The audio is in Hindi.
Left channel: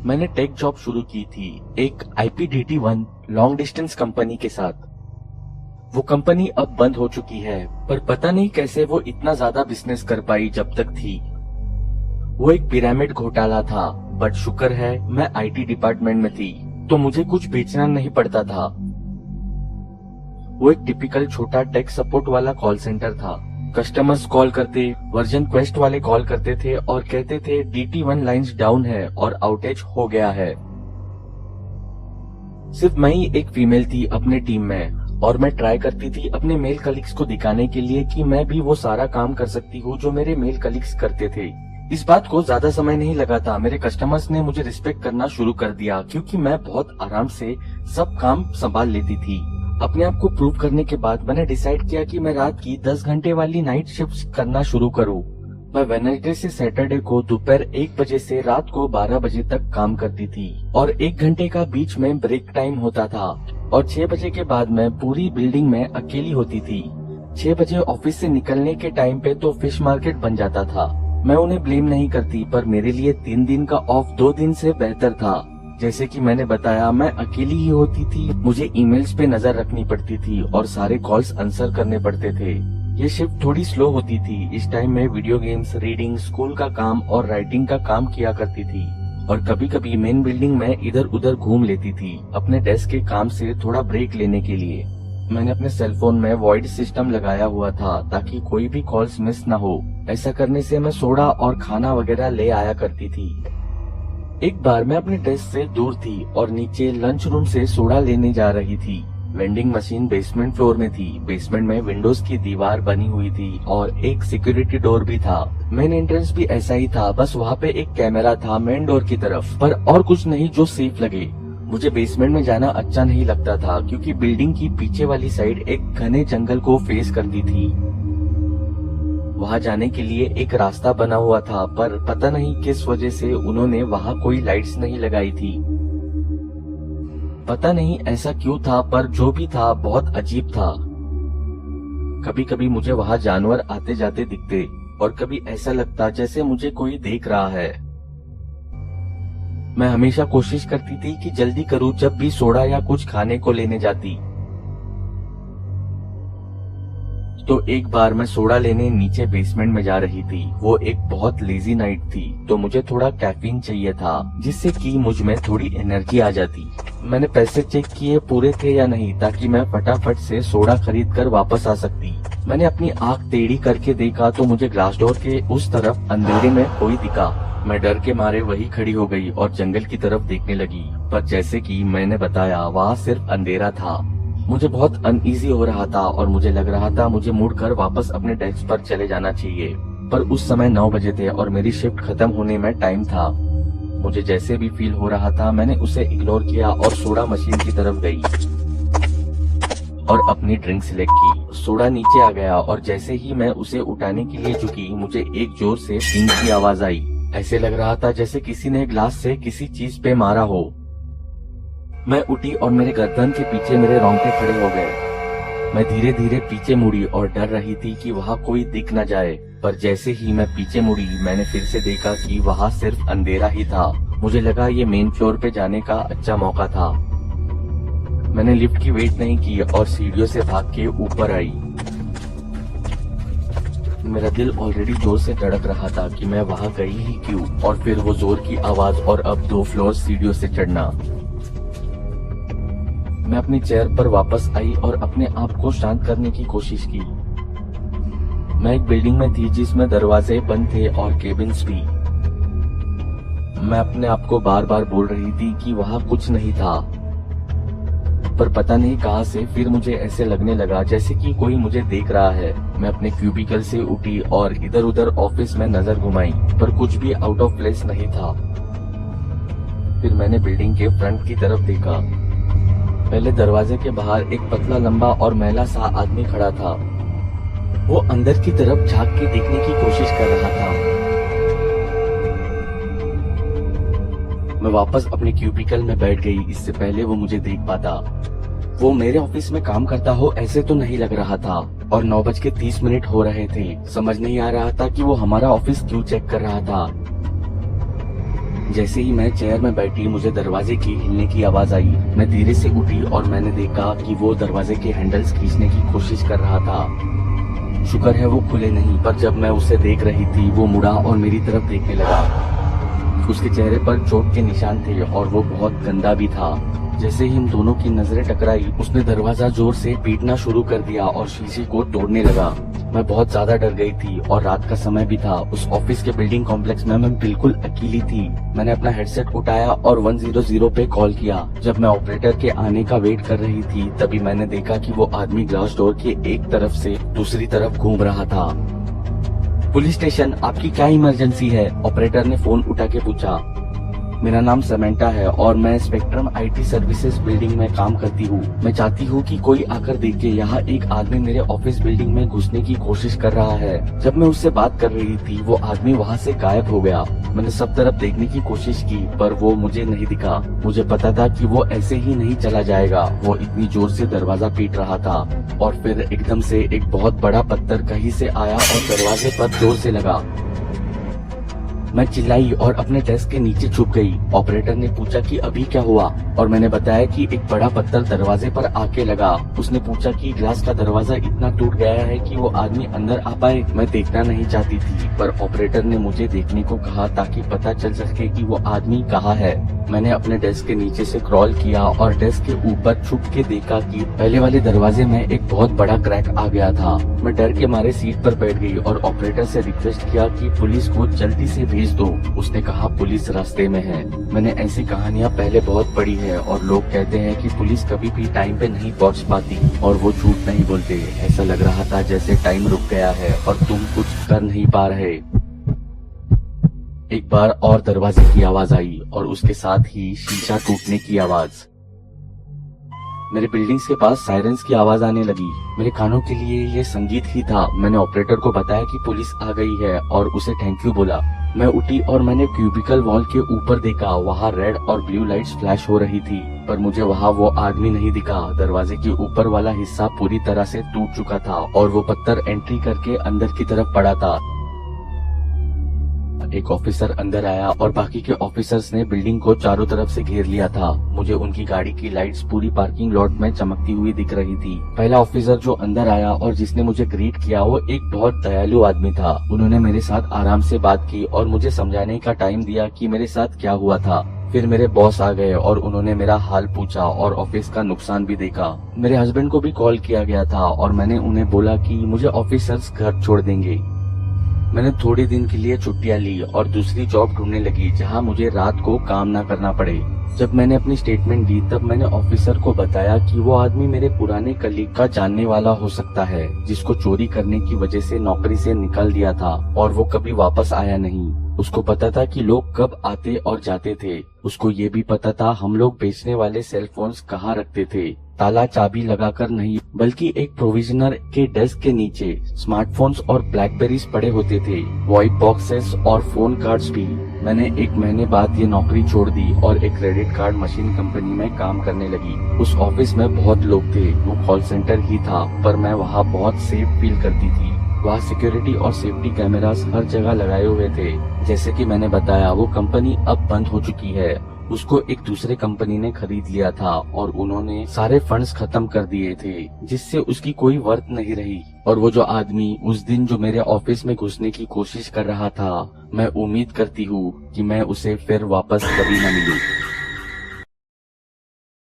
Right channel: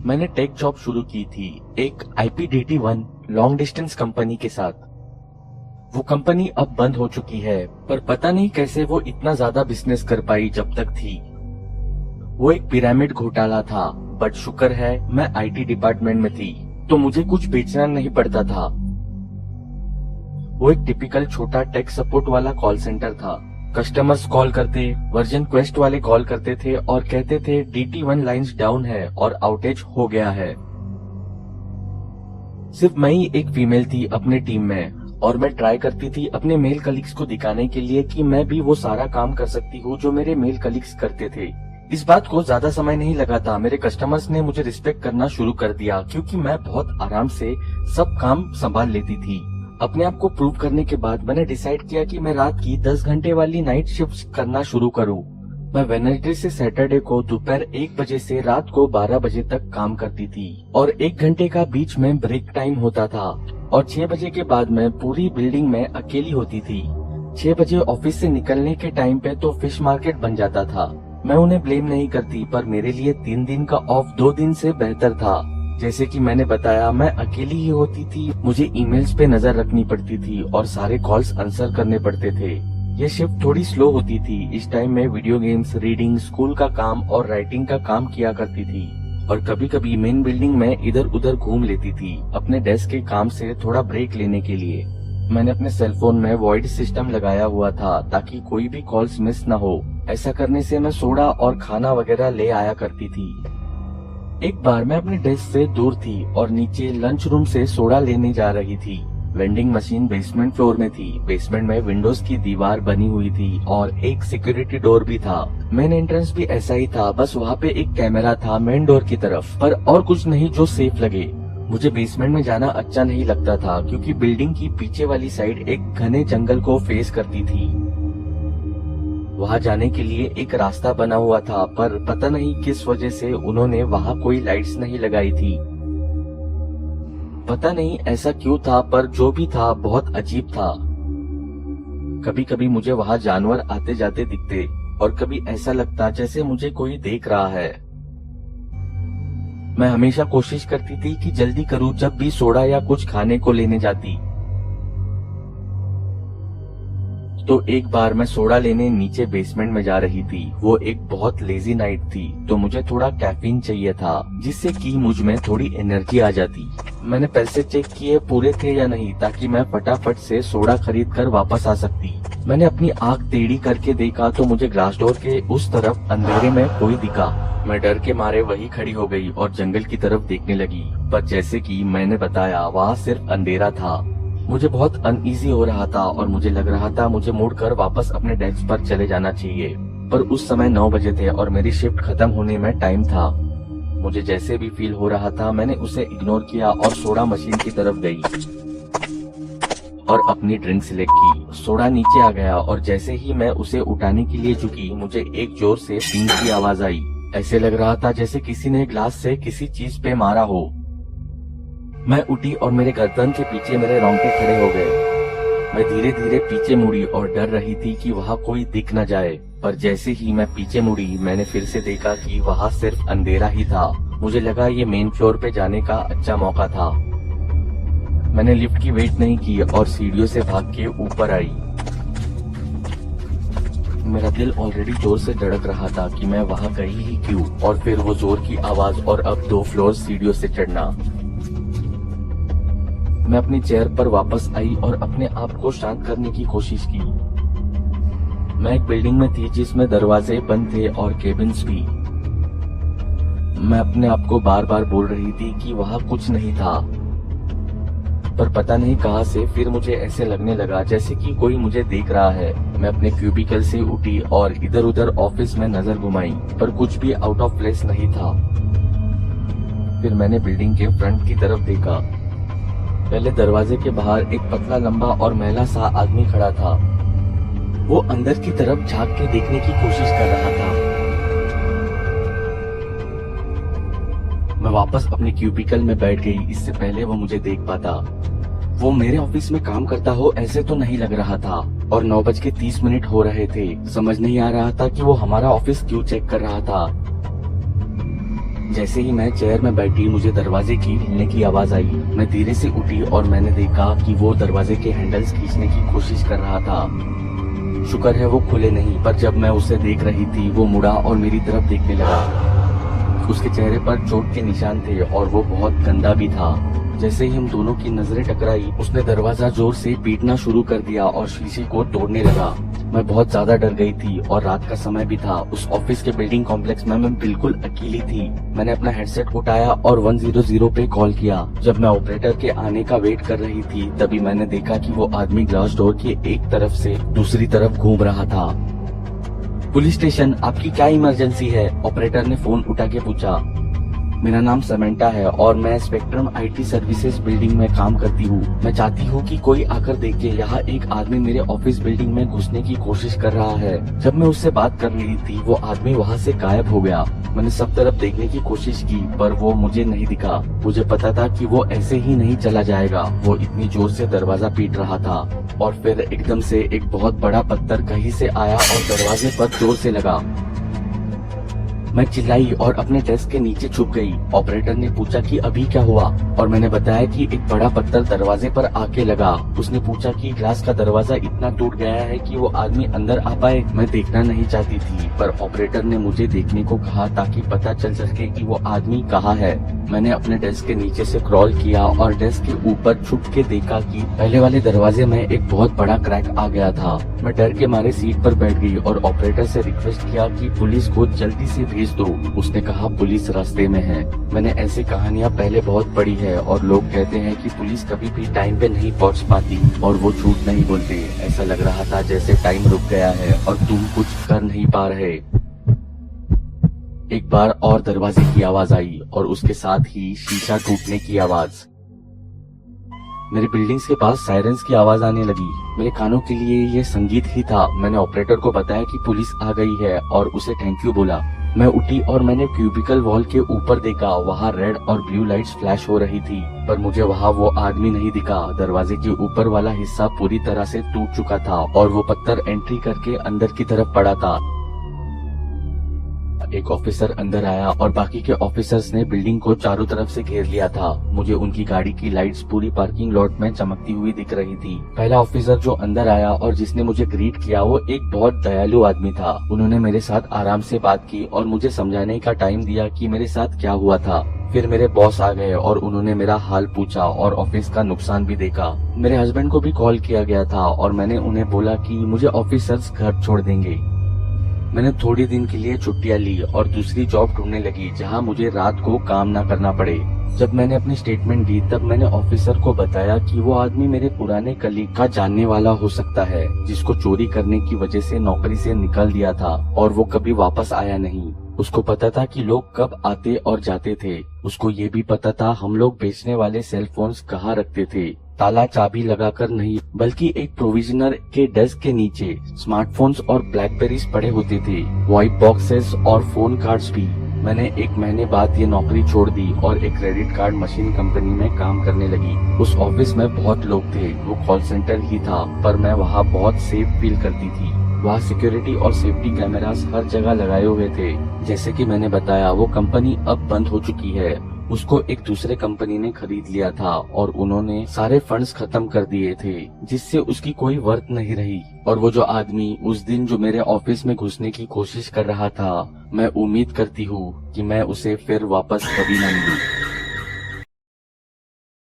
मैंने टेक जॉब शुरू की थी एक IPDT1 लॉन्ग डिस्टेंस कंपनी के साथ। वो कंपनी अब बंद हो चुकी है, पर पता नहीं कैसे वो इतना ज्यादा बिजनेस कर पाई जब तक थी। वो एक पिरामिड घोटाला था, बट शुक्र है मैं IT डिपार्टमेंट में थी, तो मुझे कुछ बेचना नहीं पड़ता था। वो एक टिपिकल छोटा टेक सपोर्ट वाला कॉल सेंटर था। कस्टमर्स कॉल करते, वर्जन क्वेस्ट वाले कॉल करते थे और कहते थे DT1 लाइंस डाउन है और आउटेज हो गया है। सिर्फ मैं ही एक फीमेल थी अपने टीम में, और मैं ट्राई करती थी अपने मेल कलीग्स को दिखाने के लिए कि मैं भी वो सारा काम कर सकती हूँ जो मेरे मेल कलीग्स करते थे। इस बात को ज्यादा समय नहीं लगा था, मेरे कस्टमर्स ने मुझे रिस्पेक्ट करना शुरू कर दिया, क्योंकि मैं बहुत आराम से सब काम संभाल लेती थी। अपने आप को प्रूव करने के बाद मैंने डिसाइड किया कि मैं रात की 10 घंटे वाली नाइट शिफ्ट्स करना शुरू करूं। मैं वेडनेसडे से सैटरडे को दोपहर 1 बजे से रात को 12 बजे तक काम करती थी, और 1 घंटे का बीच में ब्रेक टाइम होता था, और 6 बजे के बाद मैं पूरी बिल्डिंग में अकेली होती थी। 6 बजे ऑफिस से निकलने के टाइम पे तो फिश मार्केट बन जाता था। मैं उन्हें ब्लेम नहीं करती, पर मेरे लिए 3 दिन का ऑफ 2 दिन से बेहतर था। जैसे कि मैंने बताया, मैं अकेली ही होती थी, मुझे ईमेल्स पे नजर रखनी पड़ती थी और सारे कॉल्स आंसर करने पड़ते थे। ये शिफ्ट थोड़ी स्लो होती थी। इस टाइम में वीडियो गेम्स, रीडिंग, स्कूल का काम और राइटिंग का काम किया करती थी, और कभी कभी मेन बिल्डिंग में इधर उधर घूम लेती थी अपने डेस्क के काम से थोड़ा ब्रेक लेने के लिए। मैंने अपने सेलफोन में वॉइड सिस्टम लगाया हुआ था ताकि कोई भी कॉल्स मिस न हो। ऐसा करने से मैं सोडा और खाना वगैरह ले आया करती थी। एक बार मैं अपने डेस्क से दूर थी और नीचे लंच रूम से सोडा लेने जा रही थी। वेंडिंग मशीन बेसमेंट फ्लोर में थी। बेसमेंट में विंडोज की दीवार बनी हुई थी और एक सिक्योरिटी डोर भी था। मेन एंट्रेंस भी ऐसा ही था, बस वहाँ पे एक कैमरा था मेन डोर की तरफ, पर और कुछ नहीं जो सेफ लगे। मुझे बेसमेंट में जाना अच्छा नहीं लगता था, क्योंकि बिल्डिंग की पीछे वाली साइड एक घने जंगल को फेस करती थी। वहाँ जाने के लिए एक रास्ता बना हुआ था, पर पता नहीं किस वजह से उन्होंने वहाँ कोई लाइट्स नहीं लगाई थी। पता नहीं ऐसा क्यों था, पर जो भी था बहुत अजीब था। कभी कभी मुझे वहाँ जानवर आते जाते दिखते, और कभी ऐसा लगता जैसे मुझे कोई देख रहा है। मैं हमेशा कोशिश करती थी कि जल्दी करूं जब भी सोडा या कुछ खाने को लेने जाती। तो एक बार मैं सोडा लेने नीचे बेसमेंट में जा रही थी। वो एक बहुत लेजी नाइट थी, तो मुझे थोड़ा कैफीन चाहिए था, जिससे कि मुझ में थोड़ी एनर्जी आ जाती। मैंने पैसे चेक किए पूरे थे या नहीं, ताकि मैं फटाफट से सोडा खरीद कर वापस आ सकती। मैंने अपनी आंख टेढ़ी करके देखा तो मुझे ग्लास डोर के उस तरफ अंधेरे में कोई दिखा। मैं डर के मारे वही खड़ी हो गई और जंगल की तरफ देखने लगी, पर जैसे कि मैंने बताया वहाँ सिर्फ अंधेरा था। मुझे बहुत अनईजी हो रहा था और मुझे लग रहा था मुझे मुड़कर वापस अपने डेस्क पर चले जाना चाहिए, पर उस समय 9 बजे थे और मेरी शिफ्ट खत्म होने में टाइम था। मुझे जैसे भी फील हो रहा था, मैंने उसे इग्नोर किया और सोडा मशीन की तरफ गई और अपनी ड्रिंक सिलेक्ट की। सोडा नीचे आ गया और जैसे ही मैं उसे उठाने के लिए झुकी, मुझे एक जोर से टींग की आवाज आई। ऐसे लग रहा था जैसे किसी ने ग्लास से किसी चीज पे मारा हो। मैं उठी और मेरे गर्दन के पीछे मेरे रोंगटे खड़े हो गए। मैं धीरे धीरे पीछे मुड़ी और डर रही थी कि वहाँ कोई दिख न जाए, पर जैसे ही मैं पीछे मुड़ी, मैंने फिर से देखा कि वहाँ सिर्फ अंधेरा ही था। मुझे लगा ये मेन फ्लोर पे जाने का अच्छा मौका था। मैंने लिफ्ट की वेट नहीं की और सीढ़ियों से भाग के ऊपर आई। मेरा दिल ऑलरेडी जोर से धड़क रहा था कि मैं वहाँ गई ही क्यों, और फिर वो जोर की आवाज और अब 2 फ्लोर सीढ़ियों से चढ़ना। मैं अपनी चेयर पर वापस आई और अपने आप को शांत करने की कोशिश की। मैं एक बिल्डिंग में थी जिसमें दरवाजे बंद थे और केबिन्स भी। मैं अपने आप को बार बार बोल रही थी कि वहाँ कुछ नहीं था, पर पता नहीं कहाँ से फिर मुझे ऐसे लगने लगा जैसे कि कोई मुझे देख रहा है। मैं अपने क्यूबिकल से उठी और इधर उधर ऑफिस में नजर घुमाई, पर कुछ भी आउट ऑफ प्लेस नहीं था। फिर मैंने बिल्डिंग के फ्रंट की तरफ देखा। पहले दरवाजे के बाहर एक पतला, लंबा और मैला सा आदमी खड़ा था। वो अंदर की तरफ झांक के देखने की कोशिश कर रहा था। मैं वापस अपने क्यूबिकल में बैठ गई, इससे पहले वो मुझे देख पाता। वो मेरे ऑफिस में काम करता हो ऐसे तो नहीं लग रहा था, और 9:30 हो रहे थे। समझ नहीं आ रहा था कि वो हमारा ऑफिस क्यों चेक कर रहा था। जैसे ही मैं चेयर में बैठी मुझे दरवाजे की हिलने की आवाज आई। मैं धीरे से उठी और मैंने देखा कि वो दरवाजे के हैंडल्स खींचने की कोशिश कर रहा था। शुक्र है वो खुले नहीं, पर जब मैं उसे देख रही थी वो मुड़ा और मेरी तरफ देखने लगा। उसके चेहरे पर चोट के निशान थे और वो बहुत गंदा भी था। जैसे ही हम दोनों की नजरें टकराई उसने दरवाजा जोर से पीटना शुरू कर दिया और शीशे को तोड़ने लगा। मैं बहुत ज्यादा डर गई थी और रात का समय भी था। उस ऑफिस के बिल्डिंग कॉम्प्लेक्स में मैं बिल्कुल अकेली थी। मैंने अपना हेडसेट उठाया और 100 पे कॉल किया। जब मैं ऑपरेटर के आने का वेट कर रही थी तभी मैंने देखा कि वो आदमी ग्लास डोर के एक तरफ से दूसरी तरफ घूम रहा था। पुलिस स्टेशन, आपकी क्या इमरजेंसी है? ऑपरेटर ने फोन उठा के पूछा। मेरा नाम समैंटा है और मैं स्पेक्ट्रम आईटी सर्विसेज बिल्डिंग में काम करती हूँ। मैं चाहती हूँ कि कोई आकर देखे। यहाँ एक आदमी मेरे ऑफिस बिल्डिंग में घुसने की कोशिश कर रहा है। जब मैं उससे बात कर रही थी वो आदमी वहाँ से गायब हो गया। मैंने सब तरफ देखने की कोशिश की पर वो मुझे नहीं दिखा। मुझे पता था कि वो ऐसे ही नहीं चला जाएगा। वो इतनी जोर से दरवाजा पीट रहा था और फिर एकदम से एक बहुत बड़ा पत्थर कहीं से आया और दरवाजे पर जोर से लगा। मैं चिल्लाई और अपने डेस्क के नीचे छुप गई। ऑपरेटर ने पूछा कि अभी क्या हुआ और मैंने बताया कि एक बड़ा पत्थर दरवाजे पर आके लगा। उसने पूछा कि ग्लास का दरवाजा इतना टूट गया है कि वो आदमी अंदर आ पाए। मैं देखना नहीं चाहती थी पर ऑपरेटर ने मुझे देखने को कहा ताकि पता चल सके कि वो आदमी कहाँ है। मैंने अपने डेस्क के नीचे से क्रॉल किया और डेस्क के ऊपर छुप के देखा कि पहले वाले दरवाजे में एक बहुत बड़ा क्रैक आ गया था। मैं डर के मारे सीट पर बैठ गई और ऑपरेटर से रिक्वेस्ट किया कि पुलिस को जल्दी से भेज दो। उसने कहा पुलिस रास्ते में है। मैंने ऐसी कहानियाँ पहले बहुत पढ़ी है और लोग कहते हैं कि पुलिस कभी भी टाइम पे नहीं पहुँच पाती और वो झूठ नहीं बोलते। ऐसा लग रहा था जैसे टाइम रुक गया है और तुम कुछ कर नहीं पा रहे। एक बार और दरवाजे की आवाज आई और उसके साथ ही शीशा टूटने की आवाज। मेरे बिल्डिंग्स के पास सायरन्स की आवाज आने लगी। मेरे कानों के लिए ये संगीत ही था। मैंने ऑपरेटर को बताया कि पुलिस आ गई है और उसे थैंक यू बोला। मैं उठी और मैंने क्यूबिकल वॉल के ऊपर देखा। वहाँ रेड और ब्लू लाइट्स फ्लैश हो रही थी पर मुझे वहाँ वो आदमी नहीं दिखा। दरवाजे के ऊपर वाला हिस्सा पूरी तरह से टूट चुका था और वो पत्थर एंट्री करके अंदर की तरफ पड़ा था। एक ऑफिसर अंदर आया और बाकी के ऑफिसर्स ने बिल्डिंग को चारों तरफ से घेर लिया था। मुझे उनकी गाड़ी की लाइट्स पूरी पार्किंग लॉट में चमकती हुई दिख रही थी। पहला ऑफिसर जो अंदर आया और जिसने मुझे ग्रीट किया वो एक बहुत दयालु आदमी था। उन्होंने मेरे साथ आराम से बात की और मुझे समझाने का टाइम दिया कि मेरे साथ क्या हुआ था। फिर मेरे बॉस आ गए और उन्होंने मेरा हाल पूछा और ऑफिस का नुकसान भी देखा। मेरे हस्बैंड को भी कॉल किया गया था और मैंने उन्हें बोला कि मुझे ऑफिसर्स घर छोड़ देंगे। मैंने थोड़े दिन के लिए छुट्टियां ली और दूसरी जॉब ढूंढने लगी जहां मुझे रात को काम ना करना पड़े। जब मैंने अपनी स्टेटमेंट दी तब मैंने ऑफिसर को बताया कि वो आदमी मेरे पुराने कलीग का जानने वाला हो सकता है जिसको चोरी करने की वजह से नौकरी से निकाल दिया था और वो कभी वापस आया नहीं। उसको पता था कि लोग कब आते और जाते थे। उसको ये भी पता था हम लोग बेचने वाले सेल फोन्स कहाँ रखते थे। ताला चाबी लगाकर नहीं बल्कि एक प्रोविजनर के डेस्क के नीचे स्मार्टफोन्स और ब्लैकबेरीज पड़े होते थे, व्हाइट बॉक्सेस और फोन कार्ड्स भी। मैंने 1 महीने बाद ये नौकरी छोड़ दी और एक क्रेडिट कार्ड मशीन कंपनी में काम करने लगी। उस ऑफिस में बहुत लोग थे। वो कॉल सेंटर ही था पर मैं वहाँ बहुत सेफ फील करती थी। वहाँ सिक्योरिटी और सेफ्टी कैमरास हर जगह लगाए हुए थे। जैसे कि मैंने बताया वो कंपनी अब बंद हो चुकी है। उसको एक दूसरे कंपनी ने खरीद लिया था और उन्होंने सारे फंड्स खत्म कर दिए थे जिससे उसकी कोई वर्थ नहीं रही। और वो जो आदमी उस दिन जो मेरे ऑफिस में घुसने की कोशिश कर रहा था, मैं उम्मीद करती हूँ कि मैं उसे फिर वापस कभी न मिलूं।